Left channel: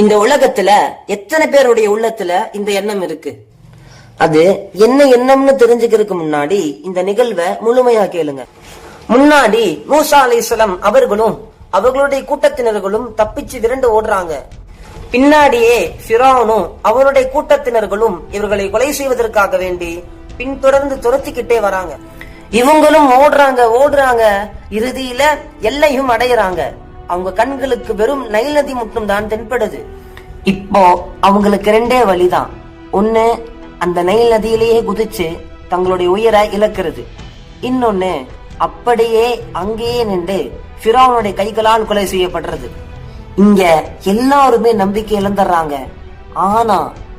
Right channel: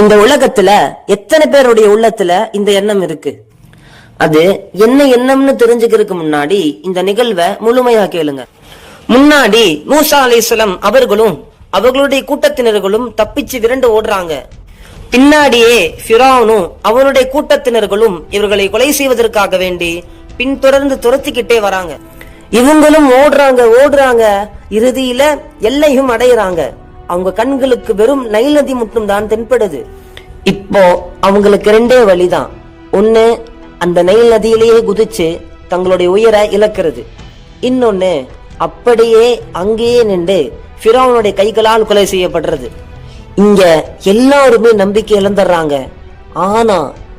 இந்த உலகத்துல எத்தனை பேருடைய உள்ளத்துல இந்த எண்ணம் இருக்கு? அது என்ன எண்ணம்னு தெரிஞ்சுக்கிறதுக்கு முன்னாடி இந்த நிகழ்வை முழுமையா கேளுங்க. முன்னாடி மூசா அலிஸ்லம் அவர்களும் அவர்களுடைய கூட்டத்தினர்களும் தப்பிச்சு விரண்டு ஓடுறாங்க. பின்னாடியே ஃபிரானும் அவருடைய கூட்டத்தினர்களும் இவர்களை கொலை செய்வதற்காக வேண்டி பின்தொடர்ந்து துரத்திக்கிட்டே வராங்க. இவங்களும் ஓடுறாங்க ஓடுறாங்க. இறுதியில எல்லையும் அடையறாங்க. அவங்க கண்களுக்கு வெறும் நைல் நதி மட்டும்தான் தென்படுது. இப்போ அவங்களுக்கு ரெண்டே வழிதான். ஒண்ணு அந்த நைல் நதியிலேயே குதிச்சு தங்களுடைய உயிரை இழக்கிறது. இன்னொன்னு அப்படியே அங்கேயே நின்று ஃபிரோனுடைய கைகளால் கொலை செய்யப்படுறது. இங்க எல்லாருமே நம்பிக்கை இழந்துடுறாங்க. ஆனா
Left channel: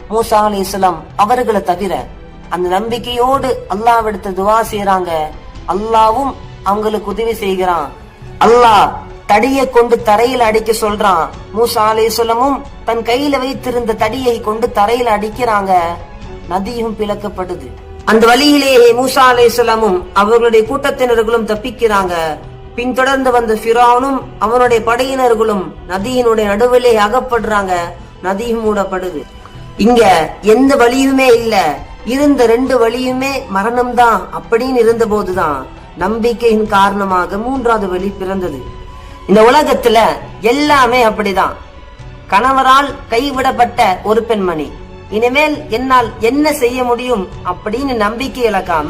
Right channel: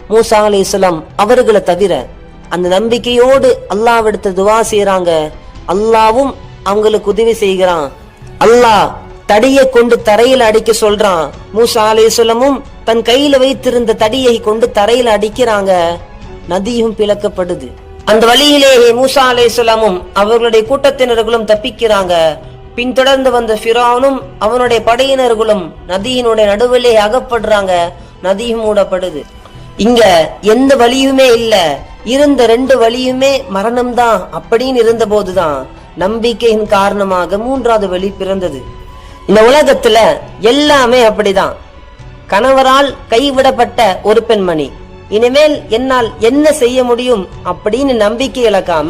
மூசா அலைஹிஸ்ஸலாம் அவர்களை தவிர அந்த நம்பிக்கையோடு அல்லாவிடத்து துவா செய்யறாங்க அல்லாவும் அவங்களுக்கு உதவி செய்கிறான். அல்லாஹ் தடியை கொண்டு தரையில் அடிக்க சொல்றான். மூசா அலேசலமும் தன் கையில வைத்திருந்த தடியை கொண்டு தரையில் அடிக்கிறாங்க. நதியும் பிளக்கப்படுது. அந்த வழியிலேயே மூசா அலேசலமும் அவர்களுடைய கூட்டத்தினர்களும் தப்பிக்கிறாங்க. பின்தொடர்ந்து வந்த ஃபிரௌனும் அவனுடைய படையினர்களும் நதியினுடைய நடுவிலே அகப்படுறாங்க. நதியும் மூடப்படுது. இங்க எந்த வழியுமே இல்ல. இருந்த ரெண்டு வழியுமே மரணம்தான் அப்படின்னு இருந்த போதுதான் நம்பிக்கையின் காரணமாக மூன்றாவது வழி பிறந்தது. இந்த உலகத்துல எல்லாமே அப்படிதான். கணவரால் கைவிடப்பட்ட ஒரு பெண்மணி. இனிமேல் என்னால் என்ன செய்ய முடியும் அப்படின்னு நம்பிக்கை இழக்காம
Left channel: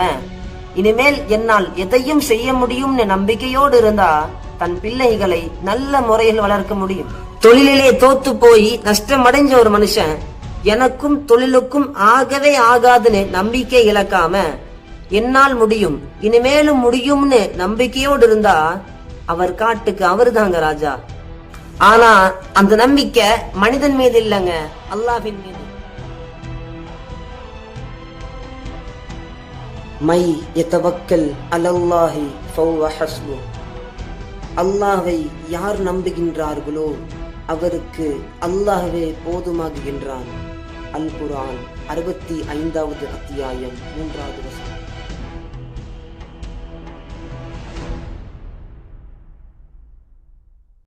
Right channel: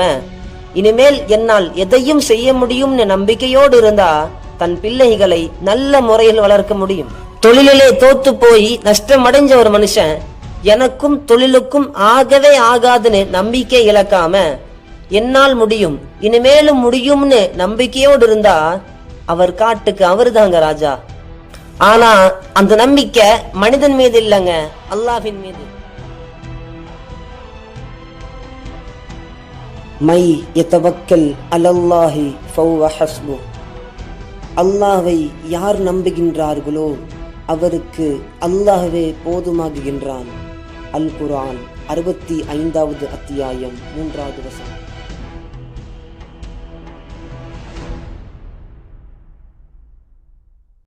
இனிமேல் என்னால் எதையும் செய்ய முடியும்னு நம்பிக்கையோடு இருந்தா தன் பிள்ளைகளை நல்ல முறையில் வளர்க்க முடியும். தொழிலிலே தோத்து போய் நஷ்டம் அடைஞ்ச ஒரு மனுஷன் எனக்கும் தொழிலுக்கும் ஆகவே ஆகாதுன்னு நம்பிக்கை இழக்காம என்னால் முடியும் இனிமேலும் முடியும்னு நம்பிக்கையோடு இருந்தா அவர் காட்டுக்கு அவர்தாங்க ராஜா. ஆனா அந்த நம்பிக்கை மனிதன் மீது இல்லைங்க அல்லாஹின் மீது. மை எத்தவக்கல் அலல்லாஹி ஃபௌவ ஹஸ்பு. அல்லாஹை யார் நம்புகின்றார்களோ அவருக்கு அல்லாஹ்வே போதுமாகுகின்றான். அல் குரான் அறுபத்தி ஐந்தாவது அத்தியாயம் மூன்றாவது வசனம்.